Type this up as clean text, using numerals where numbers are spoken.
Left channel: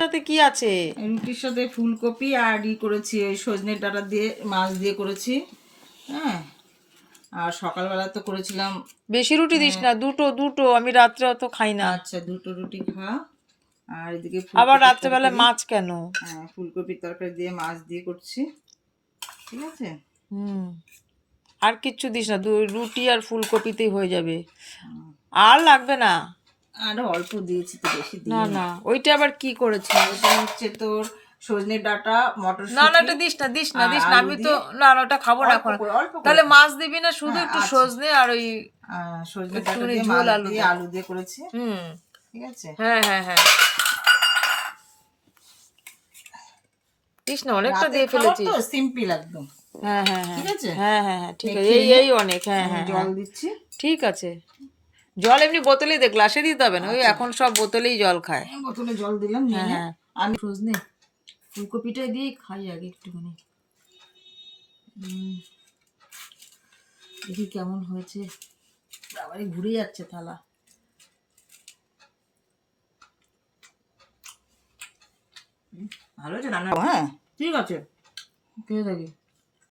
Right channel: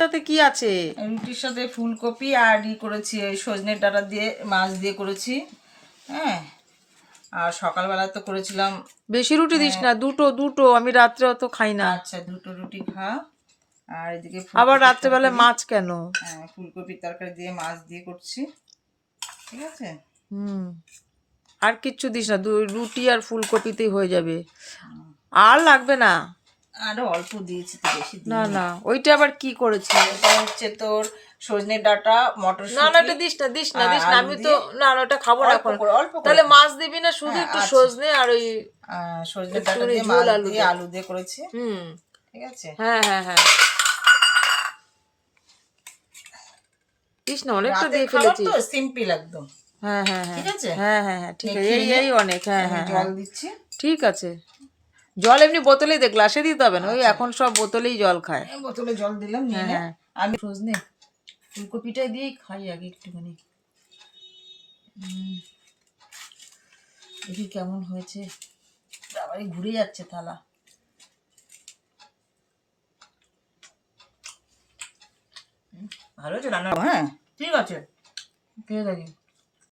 সাথে কি আছে? রুটির সাথে ফুলকপি আর করেছি ওই সজনের ডাঁটা দিয়ে মাছ দিয়ে করেছি। হ্যাঁ, আর সকালবেলা তো করেছিলাম। বেশি রুটি দিস না, দুটো দুটো, আমি রাত্রে অত খাই না। আচ্ছা, দুটো রুটি খা। আর এদিকে আবার রাত্রেবেলা মাছ কেন? হ্যাঁ, ফুলকপির তরকারি দিয়ে মাছ দিয়ে করছি, ঠিক আছে। আর কিচ্ছু দিস না, রুটি আর ফুলকপিতেই হয়ে যাবে, আর লাগবে না। আরো অল্প দিয়েছি তো, বেশি না দিই না, ওইটা আবার কি করেছি? এটা হচ্ছে তোর সজনের ডাঁটা, মটরশুঁটি। না না, ওটা দিস না, দিস না, দিস না, আমি তো না না, ওটা খাবো না এখন। অল্প করে তাহলে মাছ দিবি না, শুধু হ্যাঁ, একটু আচ্ছা। সজনে আর ওই সজনের ডাঁটা দিয়ে ঝোল মাছ আলু দিয়ে দে। আলু দিয়ে করেছি, ঠিক আছে। হ্যাঁ হ্যাঁ হ্যাঁ, দিস না, অনেকটা দিয়ে ফেলেছি। তো সিম্পল একদম। হ্যাঁ হ্যাঁ হ্যাঁ, ঠিক আছে, হ্যাঁ হ্যাঁ হ্যাঁ, ঠিক আছে, এই এই অনেক। হ্যাঁ হ্যাঁ, জল দিচ্ছি। ঠিক আছে। জল এমনি বোতলেই দে, গ্লাসে দিতে হবে না, ওই এখন সব বোতলেই জল খায়। বোতলে জল দিলাম, নিয়ে নে। হ্যাঁ। আমি সজনে ফুলকপিটা দিয়েই খাই আগে একটুখানি, দেখি কেমন হয়েছে। আবারই ঘুরে যাচ্ছে থালা। ভালো হয়েছে রান্না? হ্যাঁ, ঠিক আছে, ঠিক আছে।